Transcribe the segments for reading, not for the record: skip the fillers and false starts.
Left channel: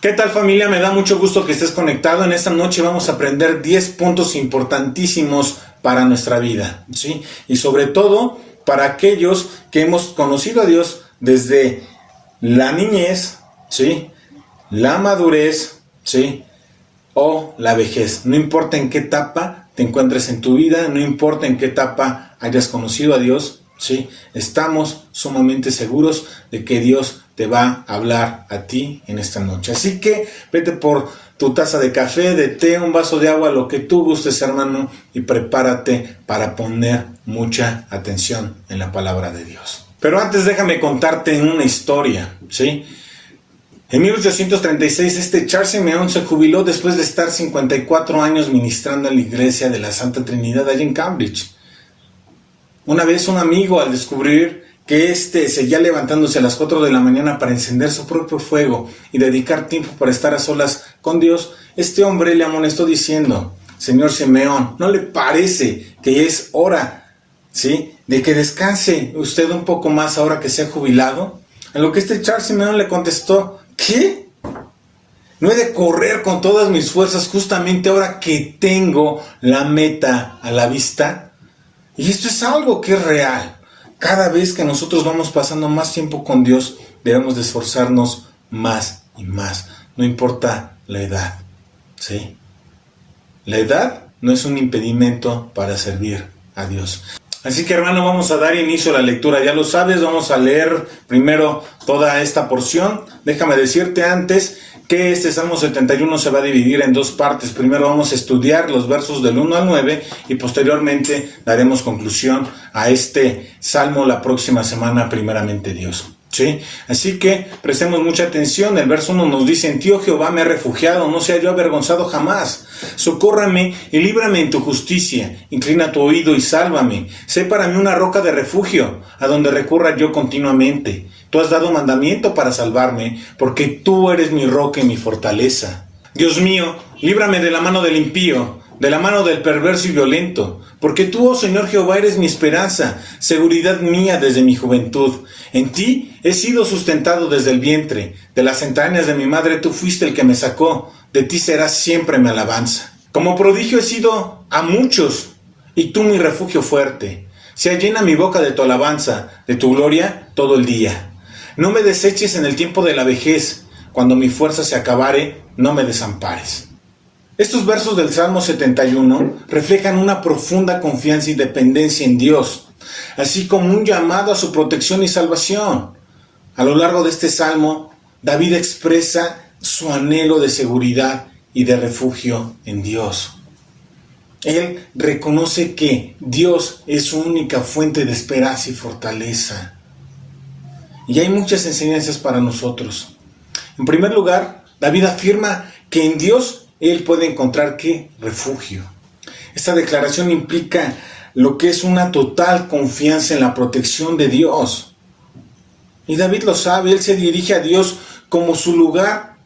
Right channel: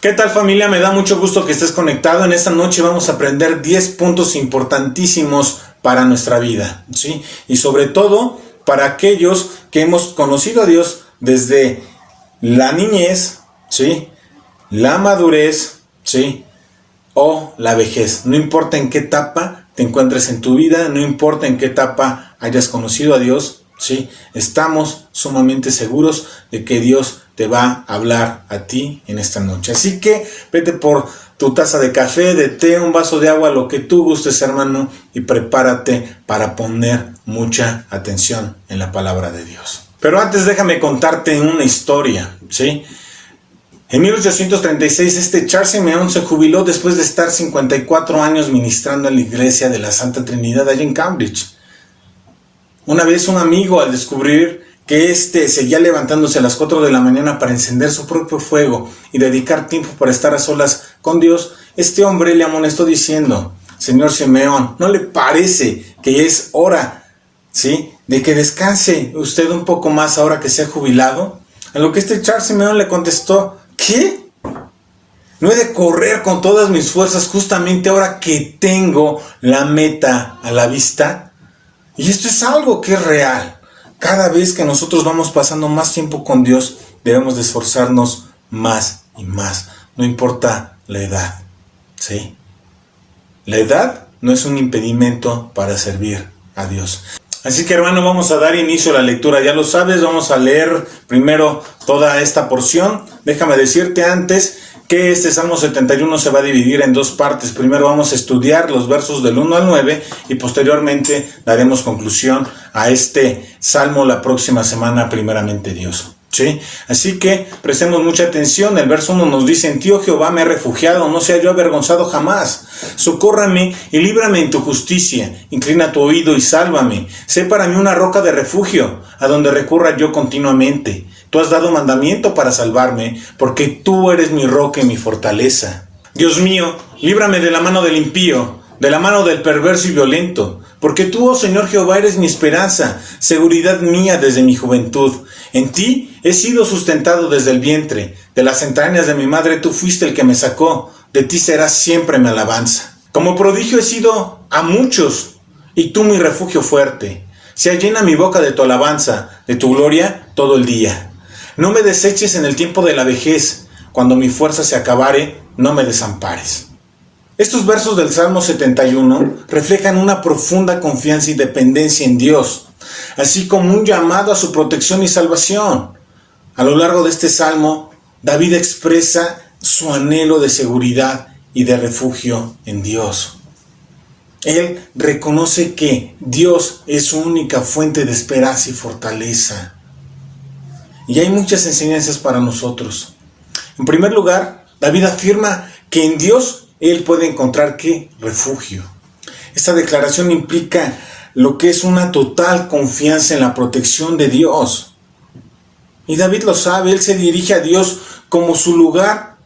¿Qué tal, familia? Me da mucho gusto que estés conectado. En esta noche vamos a aprender 10 puntos importantísimos para nuestra vida, ¿sí? Y sobre todo para aquellos que hemos conocido a Dios desde la niñez, ¿sí? La madurez, ¿sí? O la vejez. No importa en qué etapa te encuentres en tu vida, no importa en qué etapa hayas conocido a Dios, ¿sí? Estamos sumamente seguros de que Dios te va a hablar a ti en esta noche. Así que vete por tu taza de café, de té, un vaso de agua, lo que tú gustes, hermano, y prepárate para poner mucha atención en la palabra de Dios. Pero antes déjame contarte una historia, ¿sí? En 1836 Charles Simeon se jubiló después de estar 54 años ministrando en la iglesia de la Santa Trinidad allí en Cambridge. Una vez un amigo, al descubrir que seguía levantándose a las 4 de la mañana para encender su propio fuego y dedicar tiempo para estar a solas con Dios, este hombre le amonestó diciendo: Señor Simeón, ¿no le parece que es hora, ¿sí?, de que descanse usted un poco más ahora que se ha jubilado? A lo que Charles Simeón le contestó: ¿qué? ¿No he de correr con todas mis fuerzas justamente ahora que tengo la meta a la vista? Y esto es algo que es real. Cada vez que nosotros vamos pasando más tiempo con Dios, debemos de esforzarnos más y más. No importa la edad, ¿sí? La edad no es un impedimento para servir a Dios. Así que, hermano, vamos a dar inicio a la lectura. Ya lo sabes, vamos a leer primero toda esta porción. Déjame decirte antes que este Salmo 71 se va a dividir en dos partes. Primero vamos a estudiar los versos del 1 al 9 y posteriormente daremos conclusión a este Salmo la próxima semana, primeramente Dios, ¿sí? Así que prestemos mucha atención. El verso 1 nos dice: en ti, oh Jehová, me he refugiado, no sea yo avergonzado jamás. Socórrame y líbrame en tu justicia. Inclina tu oído y sálvame. Sé para mí una roca de refugio, a donde recurra yo continuamente. Tú has dado mandamiento para salvarme, porque tú eres mi roca y mi fortaleza. Dios mío, líbrame de la mano del impío, de la mano del perverso y violento, porque tú, oh Señor Jehová, eres mi esperanza, seguridad mía desde mi juventud. En ti he sido sustentado desde el vientre, de las entrañas de mi madre tú fuiste el que me sacó, de ti será siempre mi alabanza. Como prodigio he sido a muchos, y tú mi refugio fuerte. Sea llena mi boca de tu alabanza, de tu gloria todo el día. No me deseches en el tiempo de la vejez, cuando mi fuerza se acabare, no me desampares. Estos versos del Salmo 71 reflejan una profunda confianza y dependencia en Dios, así como un llamado a su protección y salvación. A lo largo de este Salmo, David expresa su anhelo de seguridad y de refugio en Dios. Él reconoce que Dios es su única fuente de esperanza y fortaleza. Y hay muchas enseñanzas para nosotros. En primer lugar, David afirma que en Dios él puede encontrar ¿qué? Refugio. Esta declaración implica lo que es una total confianza en la protección de Dios. Y David lo sabe, él se dirige a Dios como su lugar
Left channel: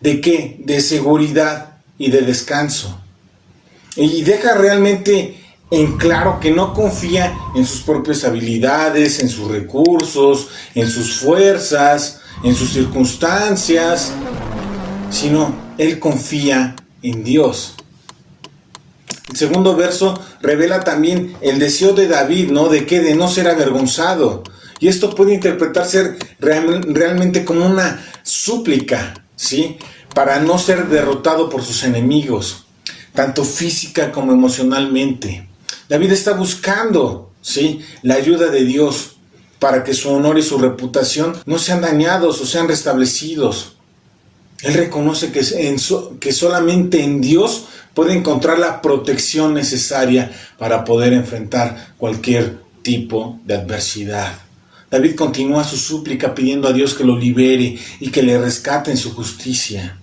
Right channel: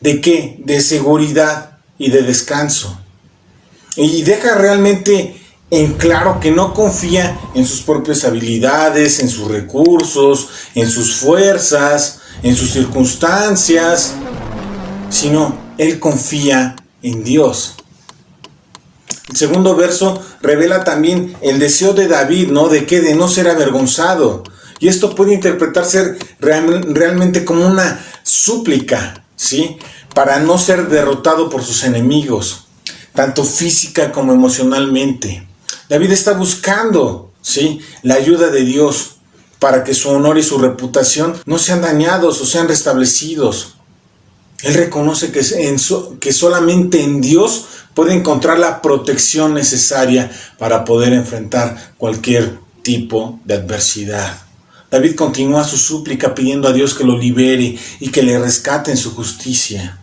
¿de qué? De seguridad y de descanso. Y deja realmente en claro que no confía en sus propias habilidades, en sus recursos, en sus fuerzas, en sus circunstancias, sino él confía en Dios. El segundo verso revela también el deseo de David, ¿no? ¿De qué? De no ser avergonzado. Y esto puede interpretarse realmente como una súplica, ¿sí? Para no ser derrotado por sus enemigos, tanto física como emocionalmente. David está buscando, ¿sí?, la ayuda de Dios para que su honor y su reputación no sean dañados o sean restablecidos. Él reconoce que solamente en Dios puede encontrar la protección necesaria para poder enfrentar cualquier tipo de adversidad. David continúa su súplica pidiendo a Dios que lo libere y que le rescate en su justicia.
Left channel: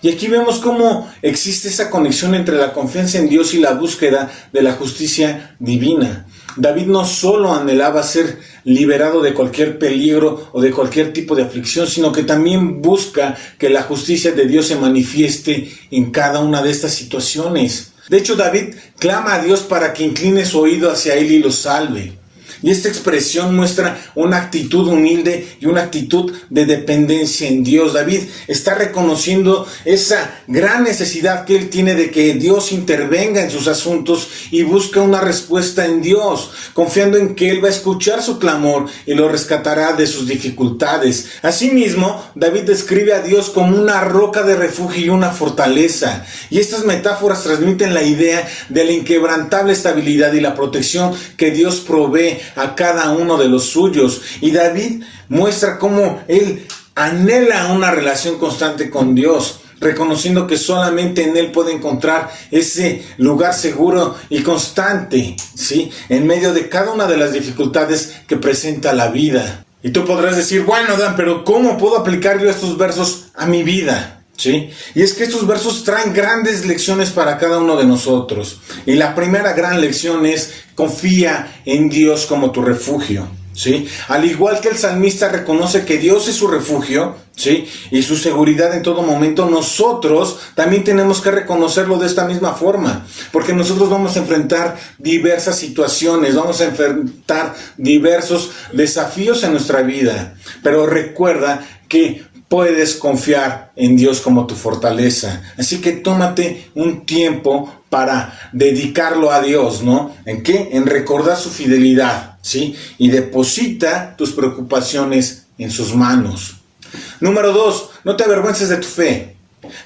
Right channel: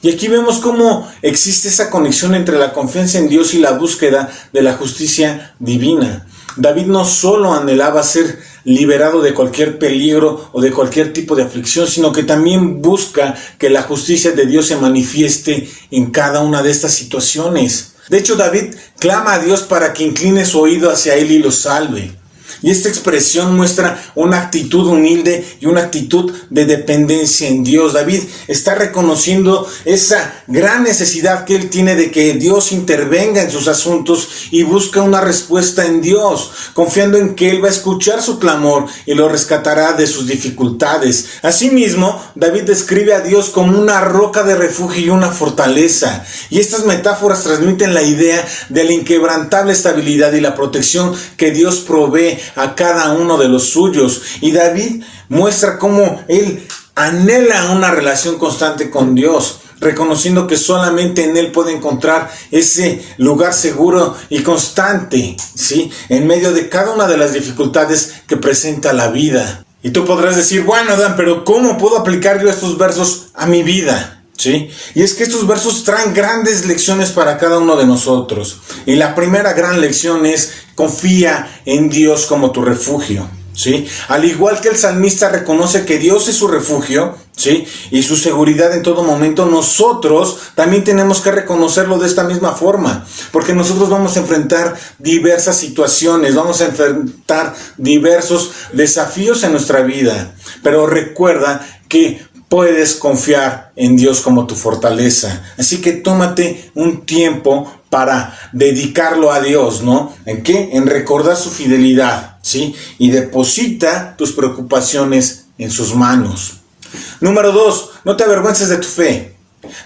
Y aquí vemos cómo existe esa conexión entre la confianza en Dios y la búsqueda de la justicia divina. David no solo anhelaba ser liberado de cualquier peligro o de cualquier tipo de aflicción, sino que también busca que la justicia de Dios se manifieste en cada una de estas situaciones. De hecho, David clama a Dios para que incline su oído hacia él y lo salve. Y esta expresión muestra una actitud humilde y una actitud de dependencia en Dios. David está reconociendo esa gran necesidad que él tiene de que Dios intervenga en sus asuntos y busca una respuesta en Dios, confiando en que Él va a escuchar su clamor y lo rescatará de sus dificultades. Asimismo, David describe a Dios como una roca de refugio y una fortaleza. Y estas metáforas transmiten la idea de la inquebrantable estabilidad y la protección que Dios provee a cada uno de los suyos. Y David muestra cómo él anhela una relación constante con Dios, reconociendo que solamente en Él puede encontrar ese lugar seguro y constante, ¿sí?, en medio de cada una de las dificultades que presenta la vida. Y tú podrás decir, bueno, Dan, pero ¿cómo puedo aplicar yo estos versos a mi vida? ¿Sí? Y es que estos versos traen grandes lecciones para cada uno de nosotros. Y la primera gran lección es: confía en Dios como tu refugio, ¿sí? Al igual que el salmista reconoce que Dios es su refugio, ¿sí?, y su seguridad en todo momento, nosotros también tenemos que reconocerlo de esta misma forma, porque nosotros vamos a enfrentar diversas situaciones, vamos a enfrentar diversos desafíos en nuestra vida, pero recuerda que puedes confiar en Dios como tu fortaleza. Así que tómate un tiempo para dedicarlo a Dios, ¿no? ¿En qué? En recordar su fidelidad, ¿sí? Y deposita tus preocupaciones en sus manos. Número 2, no te avergüences de tu fe.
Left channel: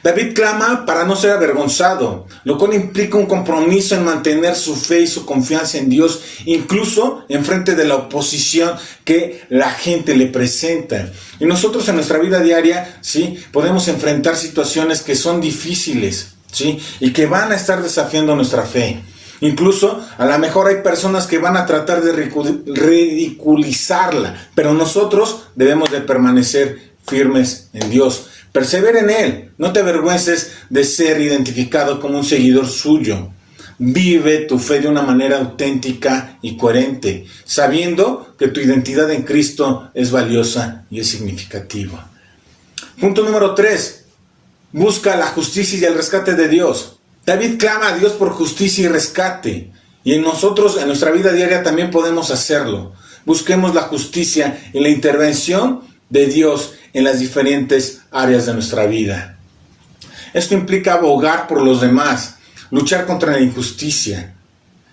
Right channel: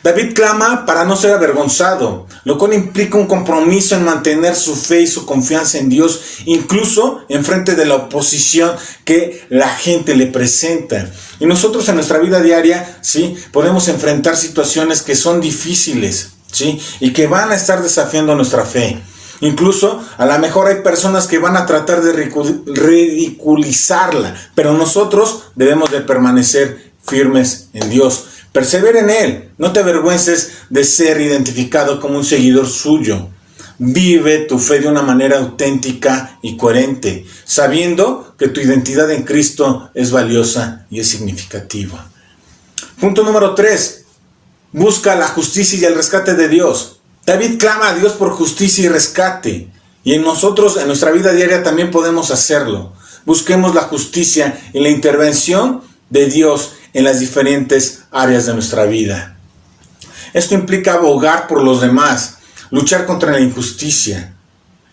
David clama para no ser avergonzado, lo cual implica un compromiso en mantener su fe y su confianza en Dios, incluso en frente de la oposición que la gente le presenta. Y nosotros en nuestra vida diaria, ¿sí?, podemos enfrentar situaciones que son difíciles, ¿sí?, y que van a estar desafiando nuestra fe. Incluso a lo mejor hay personas que van a tratar de ridiculizarla, pero nosotros debemos de permanecer firmes en Dios. Persevera en Él, no te avergüences de ser identificado como un seguidor suyo. Vive tu fe de una manera auténtica y coherente, sabiendo que tu identidad en Cristo es valiosa y es significativa. Punto número 3. Busca la justicia y el rescate de Dios. David clama a Dios por justicia y rescate. Y nosotros, en nuestra vida diaria, también podemos hacerlo. Busquemos la justicia y la intervención de Dios en las diferentes áreas de nuestra vida. Esto implica abogar por los demás, luchar contra la injusticia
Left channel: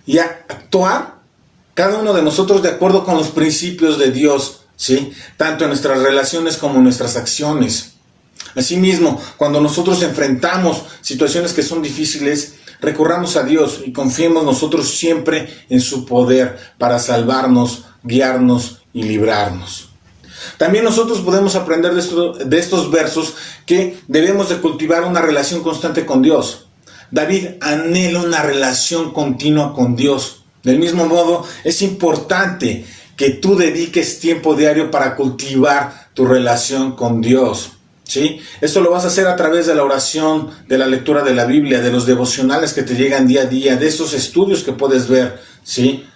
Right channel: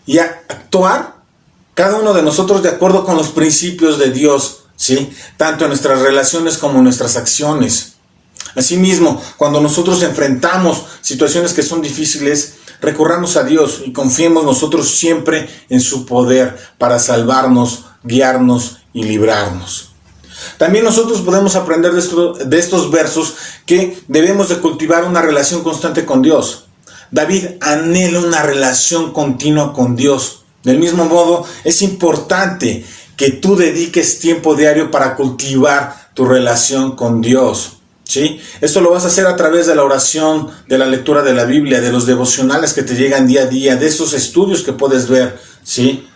y actuar cada uno de nosotros de acuerdo con los principios de Dios, ¿sí?, tanto en nuestras relaciones como en nuestras acciones. Asimismo, cuando nosotros enfrentamos situaciones que son difíciles, recurramos a Dios y confiemos nosotros siempre en su poder para salvarnos, guiarnos y librarnos. También nosotros podemos aprender de estos versos que debemos de cultivar una relación constante con Dios. David anhela una relación continua con Dios. Del mismo modo, es importante que tú dediques tiempo diario para cultivar tu relación con Dios, ¿sí? Esto lo vas a hacer a través de la oración, de la lectura de la Biblia, de los devocionales que te llegan día a día, de esos estudios que puedes ver, ¿sí?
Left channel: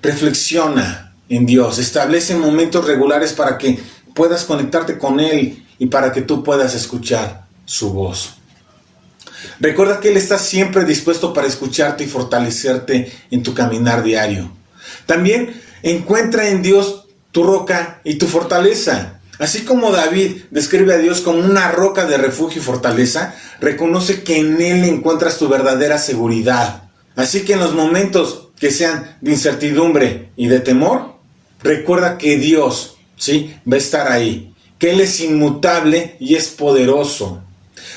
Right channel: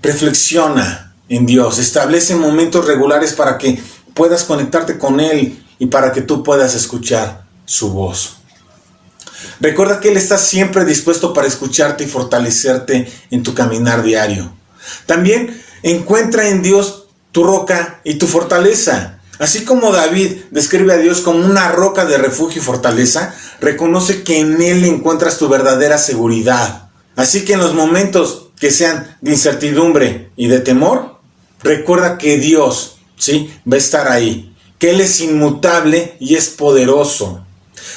Reflexiona en Dios, establece momentos regulares para que puedas conectarte con Él y para que tú puedas escuchar su voz. Recuerda que Él está siempre dispuesto para escucharte y fortalecerte en tu caminar diario. También encuentra en Dios tu roca y tu fortaleza. Así como David describe a Dios como una roca de refugio y fortaleza, reconoce que en Él encuentras tu verdadera seguridad. Así que en los momentos que sean de incertidumbre y de temor, recuerda que Dios, ¿sí?, va a estar ahí, que Él es inmutable y es poderoso.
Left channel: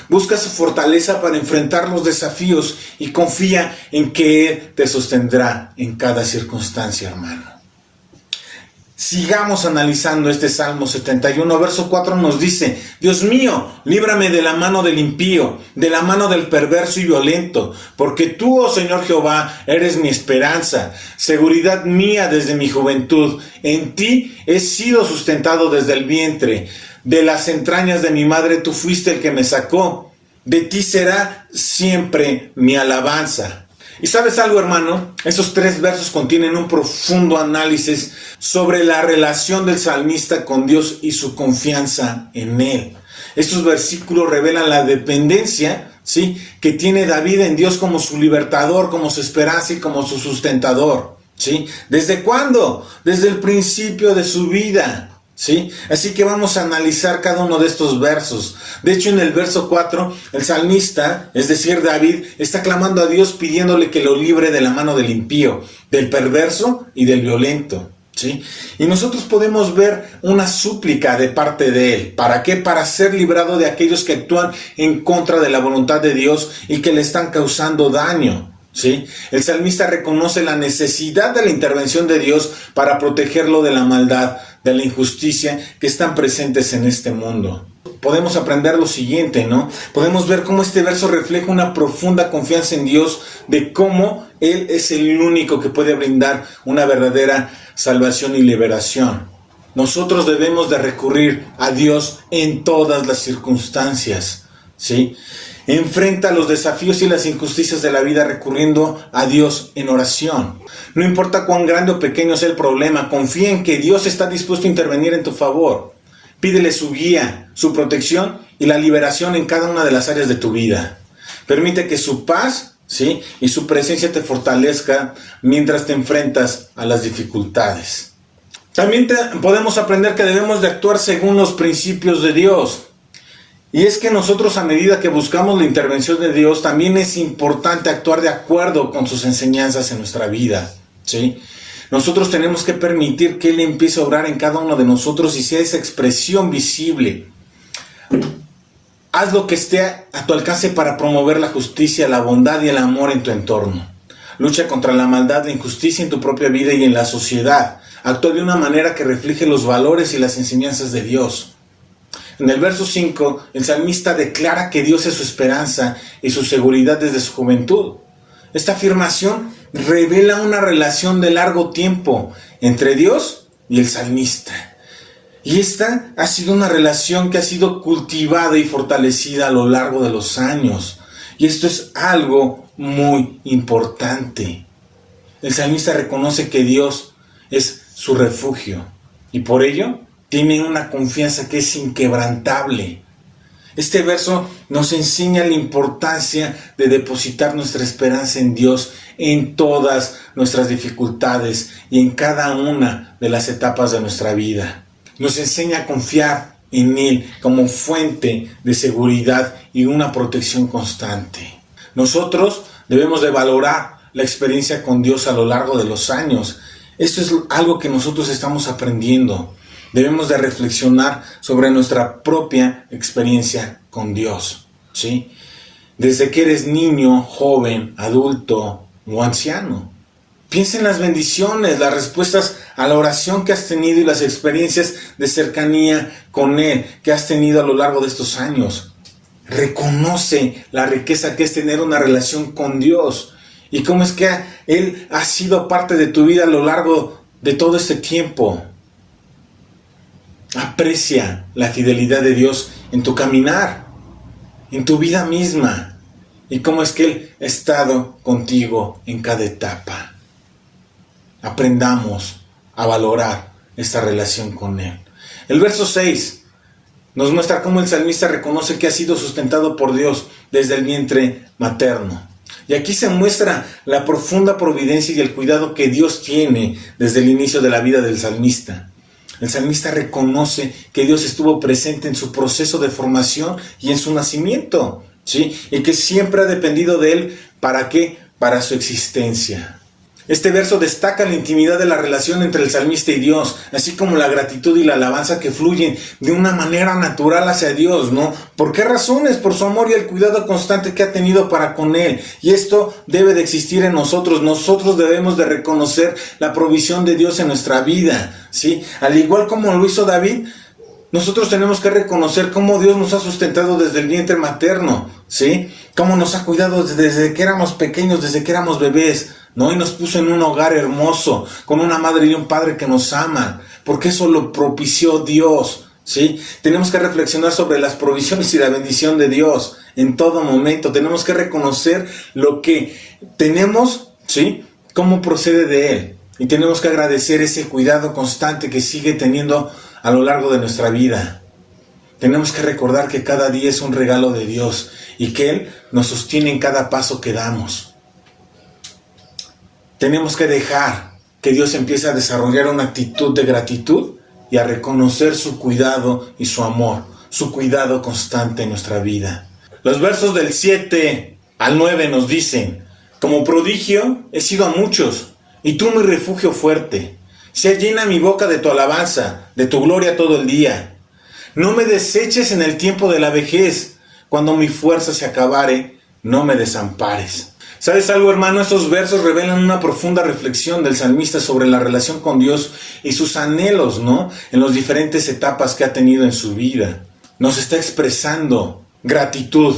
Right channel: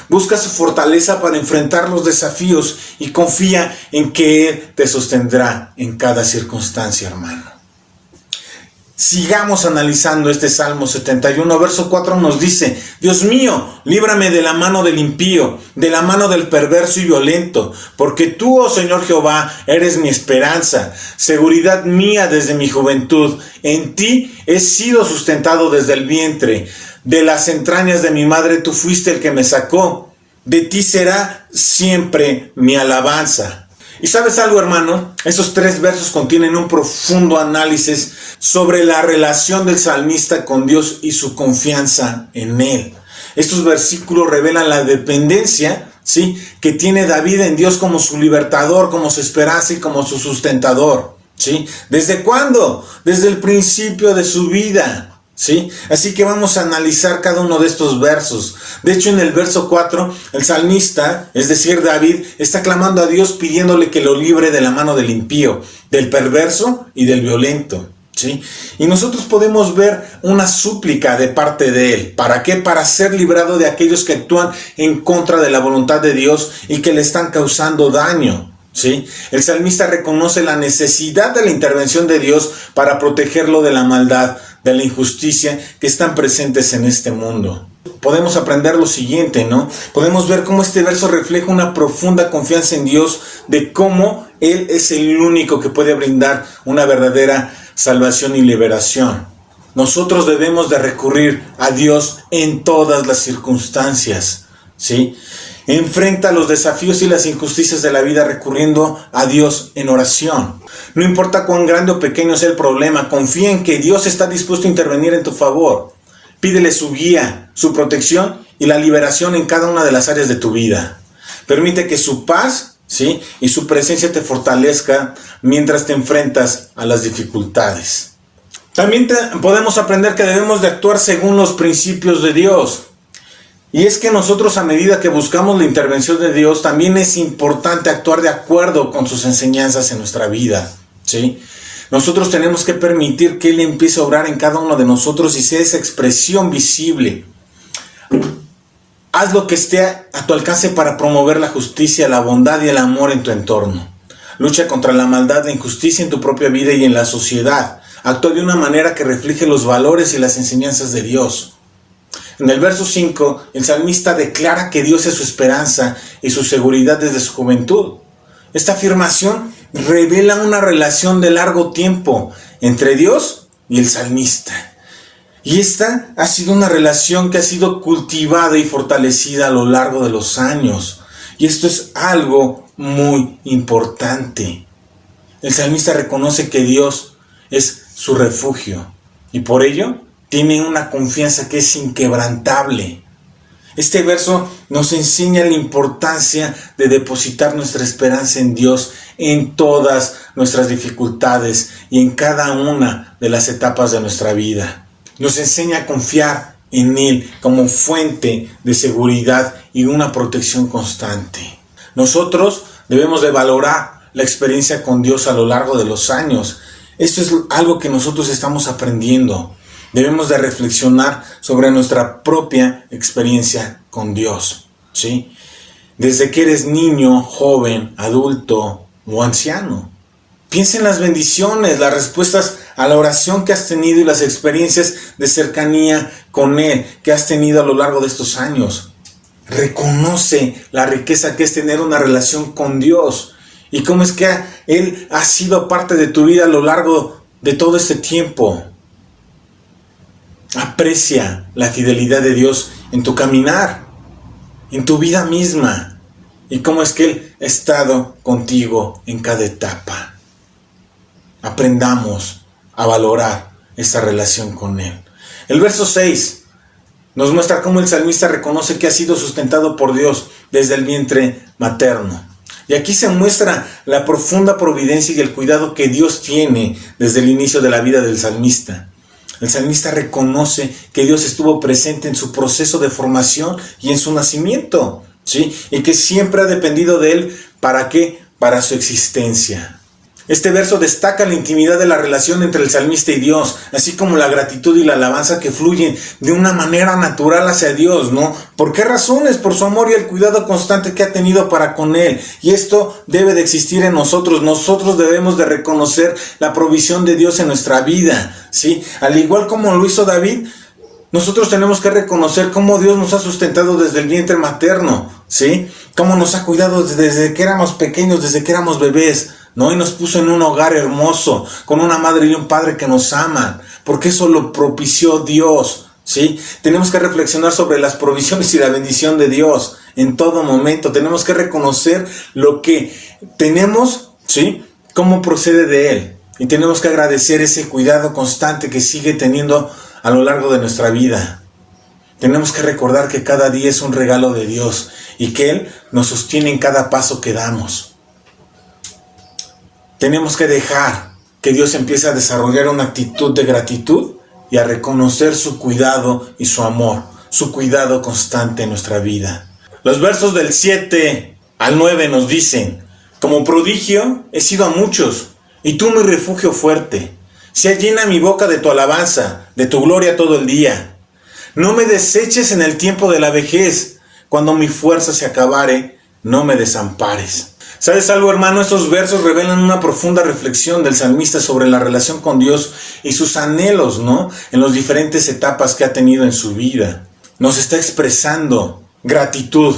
Busca su fortaleza para enfrentar los desafíos y confía en que Él te sostendrá en cada circunstancia, hermano. Sigamos analizando este Salmo 71, verso 4 nos dice: Dios mío, líbrame de la mano del impío, de la mano del perverso y violento, porque tú, oh Señor Jehová, eres mi esperanza, seguridad mía desde mi juventud. En ti he sido sustentado desde el vientre, de las entrañas de mi madre tú fuiste el que me sacó. De ti será siempre mi alabanza. ¿Y sabes algo, hermano? Esos 3 versos contienen un profundo análisis sobre la relación del salmista con Dios y su confianza en Él. Estos versículos revelan la dependencia, ¿sí?, que tiene David en Dios como su libertador, como su esperanza y como su sustentador, ¿sí? ¿Desde cuándo? Desde el principio de su vida, ¿sí? Así que vamos a analizar cada uno de estos versos. De hecho, en el verso 4, el salmista, es decir, David, está clamando a Dios pidiéndole que lo libre de la mano del impío, del perverso y del violento, ¿sí? Y nosotros podemos ver una súplica de parte de él. ¿Para qué? Para ser librado de aquellos que actúan en contra de la voluntad de Dios y que le están causando daño, ¿sí? El salmista reconoce la necesidad de la intervención de Dios para protegerlo de la maldad, de la injusticia que están presentes en este mundo. Podemos aprender lo siguiente, ¿no? Podemos ver cómo este verso refleja una profunda confianza en Dios, de cómo Él es el único que puede brindar una verdadera salvación y liberación. Nosotros debemos de recurrir a Dios en todas las circunstancias, ¿sí? Enfrenta los desafíos y las injusticias de la vida recurriendo a Dios en oración. No importa cuán grande o pequeño sea el problema, confía en que Dios está dispuesto a intervenir en tu favor. Pídele su guía, su protección y la liberación en cada una de las áreas de tu vida. Permite que su paz, ¿sí?, y su presencia te fortalezca mientras te enfrentas a las dificultades. También podemos aprender que debemos de actuar según los principios de Dios. Y es que nosotros, a medida que buscamos la intervención de Dios, también es importante actuar de acuerdo con sus enseñanzas en nuestra vida, ¿sí? Nosotros tenemos que permitir que Él empiece a obrar en cada uno de nosotros y sea esa expresión visible. Haz lo que esté a tu alcance para promover la justicia, la bondad y el amor en tu entorno. Lucha contra la maldad, la injusticia en tu propia vida y en la sociedad. Actúa de una manera que refleje los valores y las enseñanzas de Dios. En el verso 5, el salmista declara que Dios es su esperanza y su seguridad desde su juventud. Esta afirmación revela una relación de largo tiempo entre Dios y el salmista. Y esta ha sido una relación que ha sido cultivada y fortalecida a lo largo de los años. Y esto es algo muy importante. El salmista reconoce que Dios es su refugio y por ello tiene una confianza que es inquebrantable. Este verso nos enseña la importancia de depositar nuestra esperanza en Dios en todas nuestras dificultades y en cada una de las etapas de nuestra vida. Nos enseña a confiar en Él como fuente de seguridad y una protección constante. Nosotros debemos de valorar la experiencia con Dios a lo largo de los años. Esto es algo que nosotros estamos aprendiendo. Debemos de reflexionar sobre nuestra propia experiencia con Dios, ¿sí? Desde que eres niño, joven, adulto o anciano. Piensa en las bendiciones, las respuestas a la oración que has tenido y las experiencias de cercanía con Él que has tenido a lo largo de estos años. Reconoce la riqueza que es tener una relación con Dios y cómo es que Él ha sido parte de tu vida a lo largo de todo este tiempo. Aprecia la fidelidad de Dios en tu caminar, en tu vida misma, y cómo es que Él ha estado contigo en cada etapa. Aprendamos a valorar esta relación con Él. El verso 6 nos muestra cómo el salmista reconoce que ha sido sustentado por Dios desde el vientre materno. Y aquí se muestra la profunda providencia y el cuidado que Dios tiene desde el inicio de la vida del salmista. El salmista reconoce que Dios estuvo presente en su proceso de formación y en su nacimiento, ¿sí? Y que siempre ha dependido de Él. ¿Para qué? Para su existencia. Este verso destaca la intimidad de la relación entre el salmista y Dios, así como la gratitud y la alabanza que fluyen de una manera natural hacia Dios, ¿no? ¿Por qué razones? Por su amor y el cuidado constante que ha tenido para con Él. Y esto debe de existir en nosotros. Nosotros debemos de reconocer la provisión de Dios en nuestra vida, ¿sí? Al igual como lo hizo David, nosotros tenemos que reconocer cómo Dios nos ha sustentado desde el vientre materno, ¿sí? Cómo nos ha cuidado desde que éramos pequeños, desde que éramos bebés, ¿no? Y nos puso en un hogar hermoso, con una madre y un padre que nos aman, porque eso lo propició Dios, ¿sí? Tenemos que reflexionar sobre las provisiones y la bendición de Dios en todo momento. Tenemos que reconocer lo que tenemos, ¿sí? Cómo procede de Él. Y tenemos que agradecer ese cuidado constante que sigue teniendo a lo largo de nuestra vida. Tenemos que recordar que cada día es un regalo de Dios y que Él nos sostiene en cada paso que damos. Tenemos que dejar que Dios empiece a desarrollar una actitud de gratitud y a reconocer su cuidado y su amor, su cuidado constante en nuestra vida. Los versos del 7 al 9 nos dicen: como prodigio he sido a muchos, y tú mi refugio fuerte. Sea llena mi boca de tu alabanza, de tu gloria todo el día. No me deseches en el tiempo de la vejez, cuando mi fuerza se acabare, no me desampares. ¿Sabes algo, hermano? Estos versos revelan una profunda reflexión del salmista sobre la relación con Dios y sus anhelos, ¿no?, en las diferentes etapas que ha tenido en su vida. Nos está expresando gratitud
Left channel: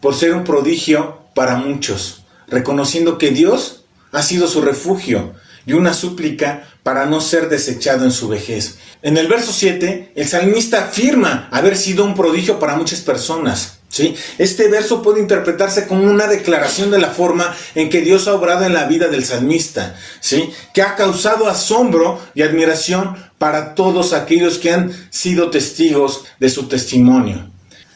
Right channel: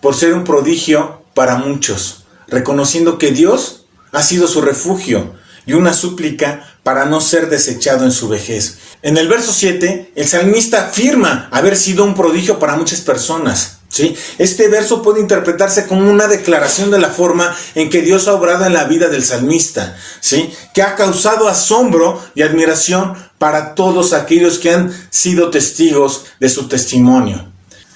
por ser un prodigio para muchos, reconociendo que Dios ha sido su refugio y una súplica para no ser desechado en su vejez. En el verso 7, el salmista afirma haber sido un prodigio para muchas personas, ¿sí? Este verso puede interpretarse como una declaración de la forma en que Dios ha obrado en la vida del salmista, ¿sí?, que ha causado asombro y admiración para todos aquellos que han sido testigos de su testimonio.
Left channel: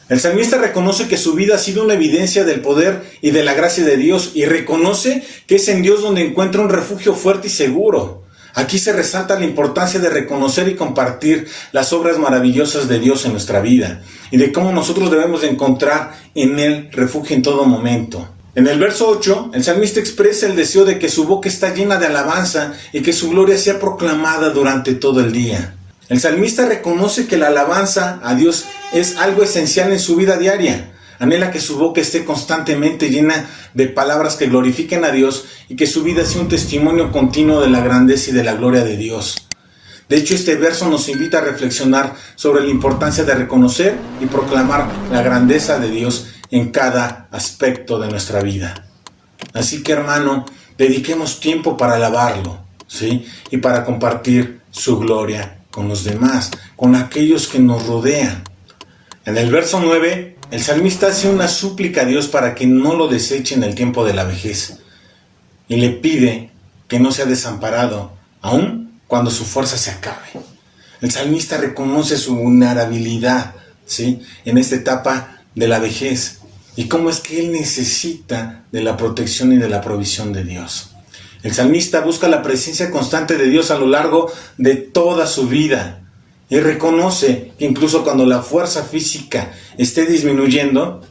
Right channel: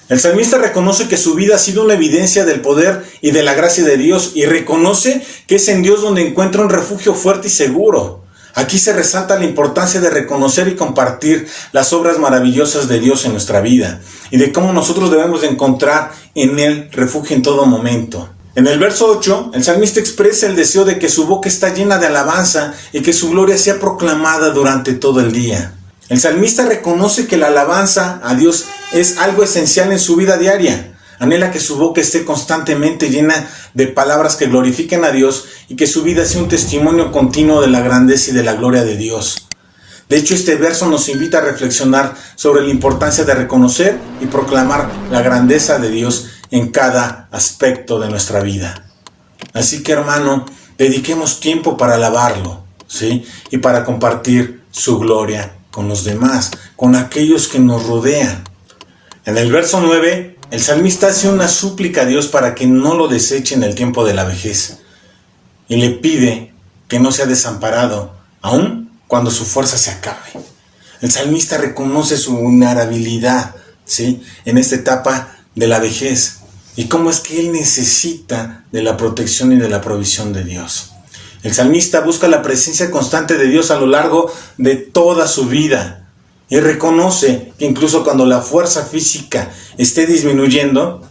El salmista reconoce que su vida ha sido una evidencia del poder y de la gracia de Dios, y reconoce que es en Dios donde encuentra un refugio fuerte y seguro. Aquí se resalta la importancia de reconocer y compartir las obras maravillosas de Dios en nuestra vida, y de cómo nosotros debemos de encontrar en Él refugio en todo momento. En el verso 8, el salmista expresa el deseo de que su boca está llena de alabanza y que su gloria sea proclamada durante todo el día. El salmista reconoce que la alabanza a Dios es algo esencial en su vida diaria. Anhela que su boca esté constantemente llena de palabras que glorifiquen a Dios y que su vida sea un testimonio continuo de la grandeza y de la gloria de Dios. De hecho, este verso nos invita a reflexionar sobre la importancia de reconocer y proclamar la grandeza de Dios en cada aspecto de nuestra vida. Así que, hermano, dediquemos tiempo para alabarlo, ¿sí?, y para compartir su gloria con los demás, con aquellos que nos rodean. En el verso 9, el salmista hace una súplica a Dios para que no lo deseche en el tiempo de la vejez, y le pide que no sea desamparado, aun cuando su fuerza se acabe. El salmista reconoce su vulnerabilidad, ¿sí?, en esta etapa de la vejez, y cómo es que él necesita de la protección y de la provisión de Dios. El salmista busca la presencia constante de Dios a lo largo de toda su vida, y reconoce que incluso cuando la fuerza física esté disminuyendo,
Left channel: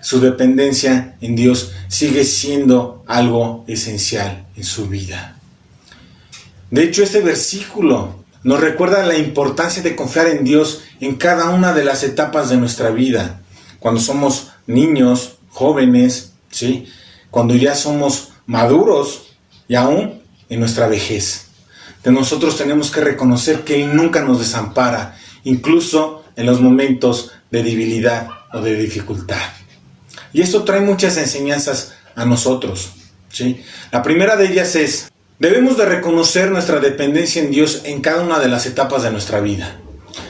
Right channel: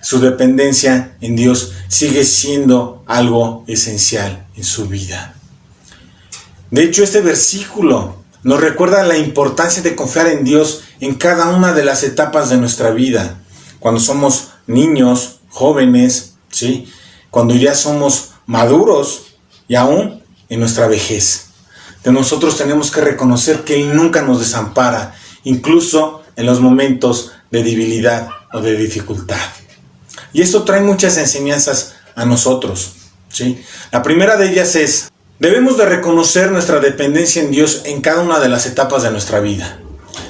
su dependencia en Dios sigue siendo algo esencial en su vida. De hecho, este versículo nos recuerda la importancia de confiar en Dios en cada una de las etapas de nuestra vida. Cuando somos niños, jóvenes, ¿sí?, cuando ya somos maduros y aún en nuestra vejez. De nosotros tenemos que reconocer que Él nunca nos desampara, incluso en los momentos de debilidad o de dificultad. Y esto trae muchas enseñanzas a nosotros, ¿sí? La primera de ellas es: debemos de reconocer nuestra dependencia en Dios en cada una de las etapas de nuestra vida.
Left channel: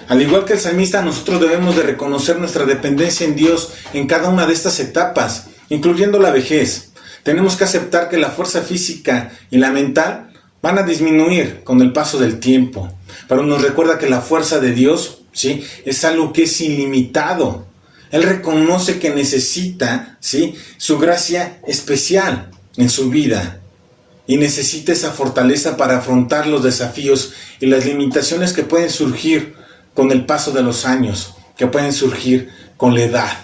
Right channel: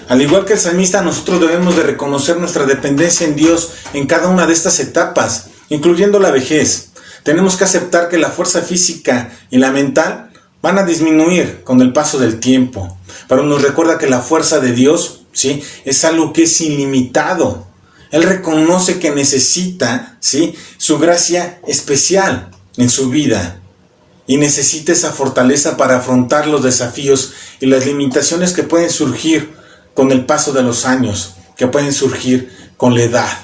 Al igual que el salmista, nosotros debemos de reconocer nuestra dependencia en Dios en cada una de estas etapas, incluyendo la vejez. Tenemos que aceptar que la fuerza física y la mental van a disminuir con el paso del tiempo, pero nos recuerda que la fuerza de Dios, ¿sí?, es algo que es ilimitado. Él reconoce que necesita, ¿sí?, su gracia especial en su vida, y necesita esa fortaleza para afrontar los desafíos y las limitaciones que pueden surgir con el paso de los años, que pueden surgir con la edad.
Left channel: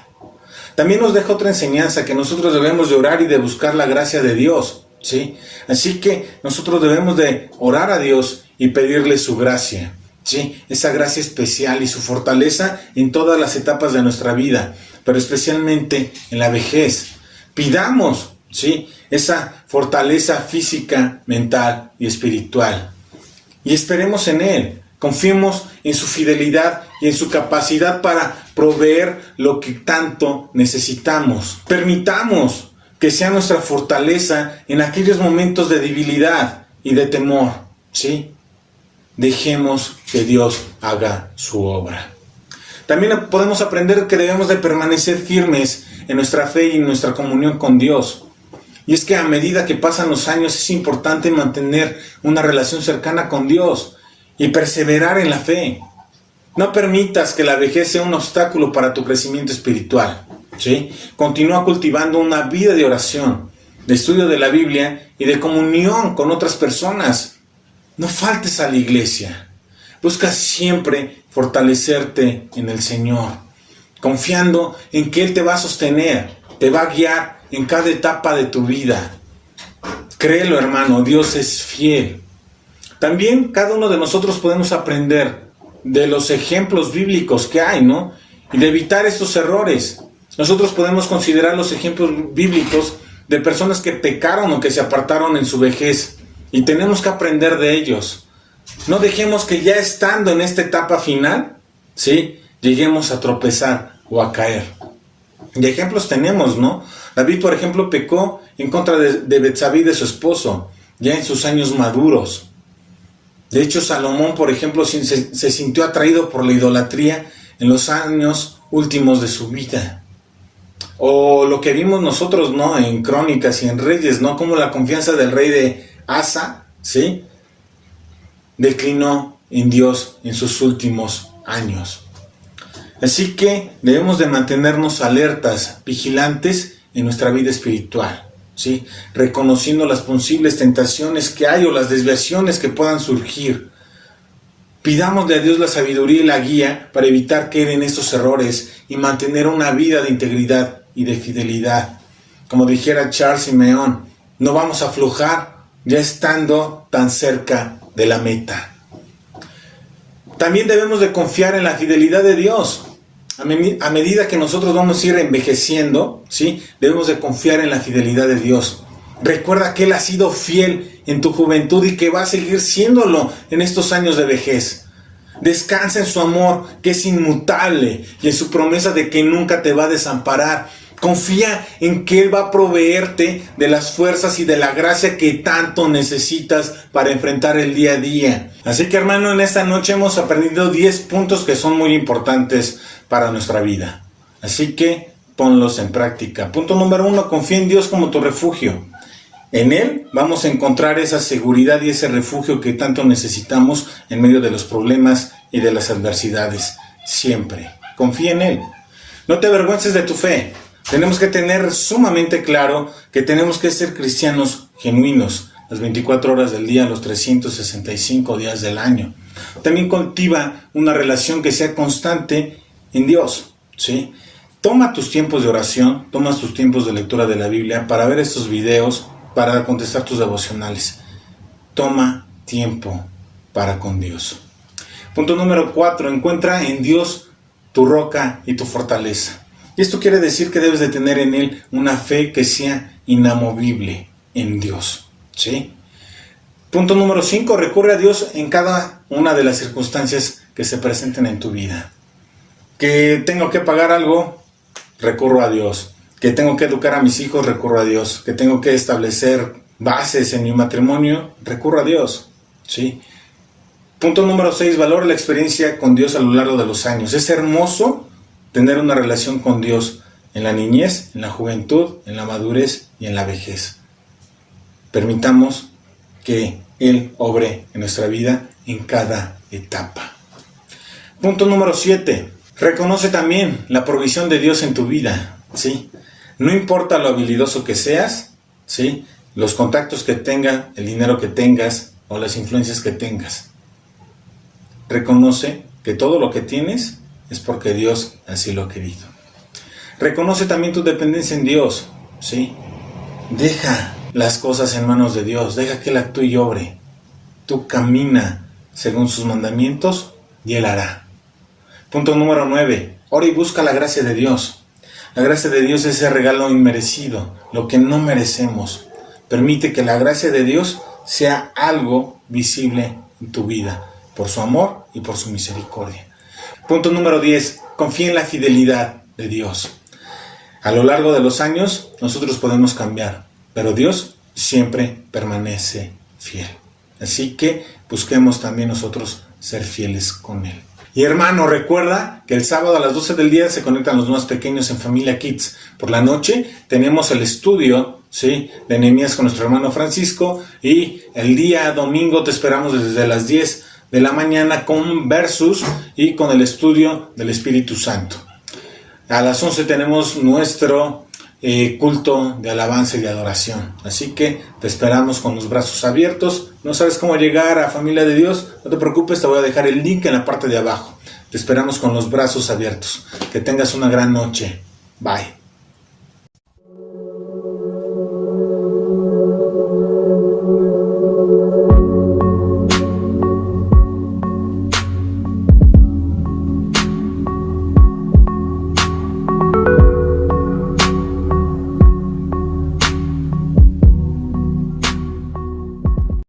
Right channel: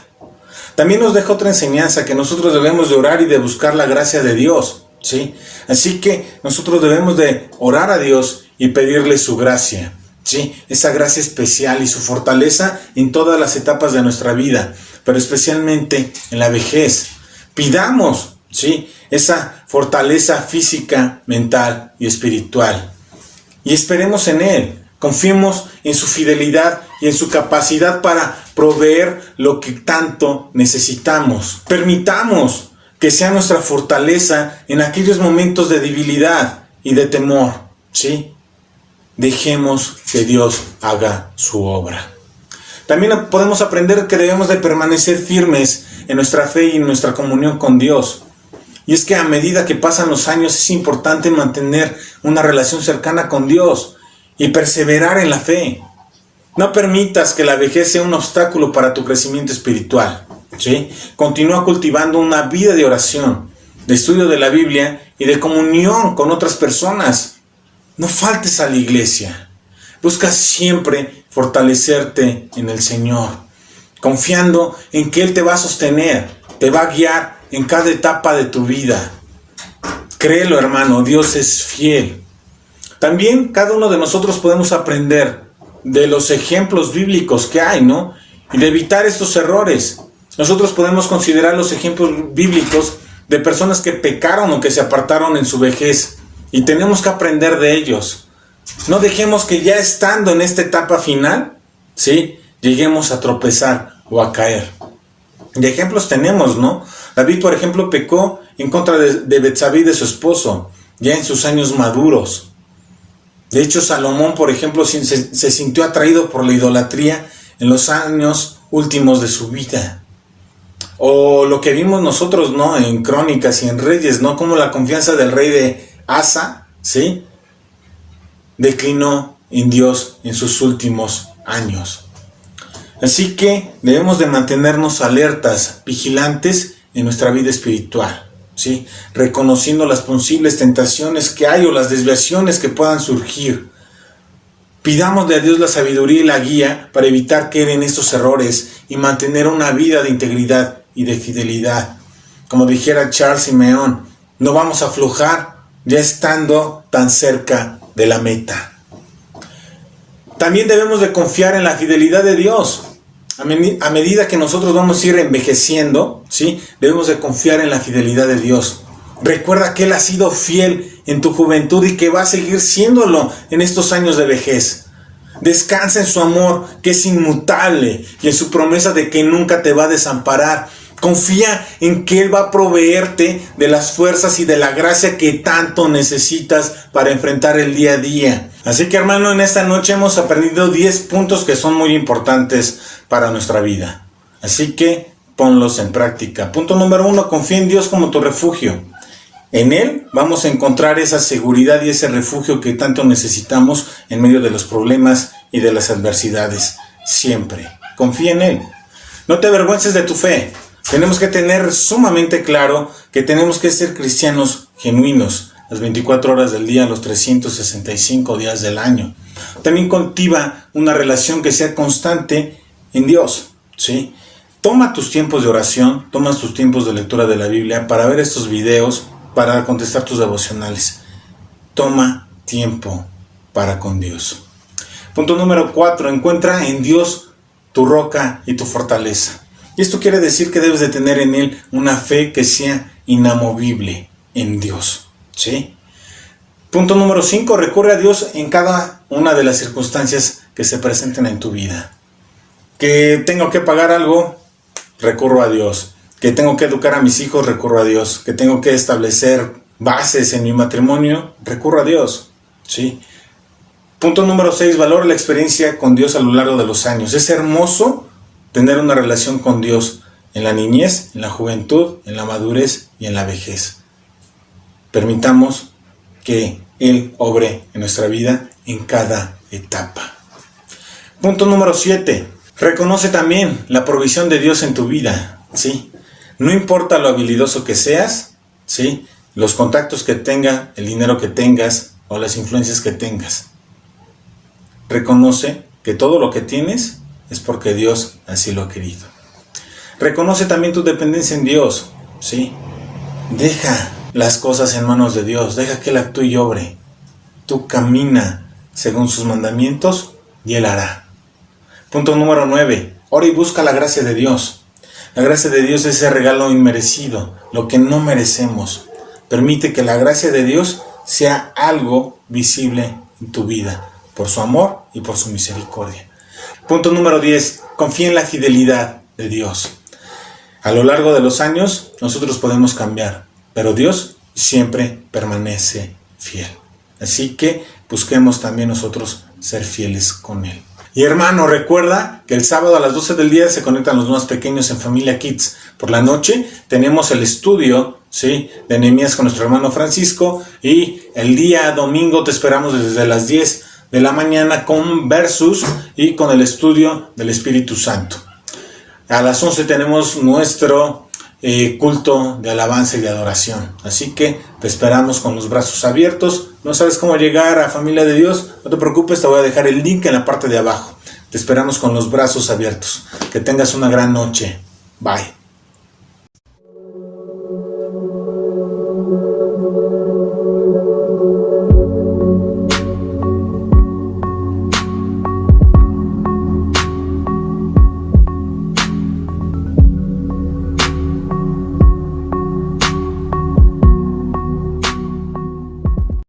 También nos deja otra enseñanza, que nosotros debemos de orar y de buscar la gracia de Dios, ¿sí? Así que nosotros debemos de orar a Dios y pedirle su gracia, ¿sí?, esa gracia especial y su fortaleza en todas las etapas de nuestra vida, pero especialmente en la vejez. Pidamos, ¿sí?, esa fortaleza física, mental y espiritual, y esperemos en Él. Confiemos en su fidelidad y en su capacidad para proveer lo que tanto necesitamos. Permitamos que sea nuestra fortaleza en aquellos momentos de debilidad y de temor, ¿sí? Dejemos que Dios haga su obra. También podemos aprender que debemos de permanecer firmes en nuestra fe y en nuestra comunión con Dios. Y es que a medida que pasan los años es importante mantener una relación cercana con Dios y perseverar en la fe. No permitas que la vejez sea un obstáculo para tu crecimiento espiritual, ¿sí? Continúa cultivando una vida de oración, de estudio de la Biblia y de comunión con otras personas. no faltes a la iglesia. Busca siempre fortalecerte en el Señor, confiando en que Él te va a sostener, te va a guiar en cada etapa de tu vida. Créelo, hermano, Dios es fiel. También cada uno de nosotros podemos aprender de los ejemplos bíblicos que hay, ¿no? Y de evitar estos errores. Nosotros podemos considerar los ejemplos bíblicos de personas que pecaron o que se apartaron en su vejez. Y tenemos que aprender de ellos. No dejemos que ya estando en esta etapa final, ¿sí?, lleguemos a tropezar o a caer. De ejemplos tenemos, ¿no? David, por ejemplo, pecó en contra de Betsabé, de su esposo, ya en sus años maduros. De hecho, Salomón, por ejemplo, se sintió atraído por la idolatría en los años últimos de su vida. O lo que vimos nosotros, ¿no?, en Crónicas y en Reyes, ¿no?, como la confianza del rey de Asa, ¿sí?, declinó en Dios en sus últimos años. Así que debemos de mantenernos alertas, vigilantes en nuestra vida espiritual, ¿sí?, reconociendo las posibles tentaciones que hay o las desviaciones que puedan surgir. Pidámosle a Dios la sabiduría y la guía para evitar caer en estos errores y mantener una vida de integridad y de fidelidad. Como dijera Charles Simeón, no vamos a aflojar ya estando tan cerca de la meta. También debemos de confiar en la fidelidad de Dios. A medida que nosotros vamos a ir envejeciendo, ¿sí?, debemos de confiar en la fidelidad de Dios. Recuerda que Él ha sido fiel en tu juventud y que va a seguir siéndolo en estos años de vejez. Descansa en su amor, que es inmutable, y en su promesa de que nunca te va a desamparar. Confía en que Él va a proveerte de las fuerzas y de la gracia que tanto necesitas para enfrentar el día a día. Así que, hermano, en esta noche hemos aprendido 10 puntos que son muy importantes para nuestra vida. Así que ponlos en práctica. Punto número 1, confía en Dios como tu refugio. En Él vamos a encontrar esa seguridad y ese refugio que tanto necesitamos en medio de los problemas y de las adversidades. Siempre. Confía en Él. No te avergüences de tu fe. Tenemos que tener sumamente claro que tenemos que ser cristianos genuinos las 24 horas del día, los 365 días del año. También cultiva una relación que sea constante en Dios, ¿sí? Toma tus tiempos de oración, toma tus tiempos de lectura de la Biblia para ver estos videos, para contestar tus devocionales. Toma tiempo para con Dios. Punto número 4, encuentra en Dios tu roca y tu fortaleza. Y esto quiere decir que debes de tener en Él una fe que sea inamovible en Dios, ¿sí? Punto número 5, recurre a Dios en cada una de las circunstancias que se presenten en tu vida. Que tengo que pagar algo, recurro a Dios. Que tengo que educar a mis hijos, recurro a Dios. Que tengo que establecer bases en mi matrimonio, recurro a Dios, ¿sí? Punto número 6, valora la experiencia con Dios a lo largo de los años. Es hermoso tener una relación con Dios en la niñez, en la juventud, en la madurez y en la vejez. Permitamos que Él obre en nuestra vida en cada etapa. Punto número 7. Reconoce también la provisión de Dios en tu vida, ¿sí? No importa lo habilidoso que seas, ¿sí?, los contactos que tengas, el dinero que tengas o las influencias que tengas. Reconoce que todo lo que tienes es porque Dios así lo ha querido. Reconoce también tu dependencia en Dios, ¿sí? Deja las cosas en manos de Dios, deja que Él actúe y obre. Tú camina según sus mandamientos y Él hará. Punto número 9. Ora y busca la gracia de Dios. La gracia de Dios es ese regalo inmerecido, lo que no merecemos. Permite que la gracia de Dios sea algo visible en tu vida, por su amor y por su misericordia. Punto número 10. Confía en la fidelidad de Dios. A lo largo de los años, nosotros podemos cambiar, pero Dios siempre permanece fiel. Así que busquemos también nosotros ser fieles con Él. Y hermano, recuerda que el sábado a las 12 del día se conectan los más pequeños en Familia Kids. Por la noche tenemos el estudio, ¿sí?, de Nehemías con nuestro hermano Francisco. Y el día domingo te esperamos desde las 10 de la mañana con Versus y con el estudio del Espíritu Santo. A las 11 tenemos nuestro culto de alabanza y de adoración. Así que te esperamos con los brazos abiertos. ¿No sabes cómo llegar a Familia de Dios? No te preocupes, te voy a dejar el link en la parte de abajo. Te esperamos con los brazos abiertos. Que tengas una gran noche. Bye.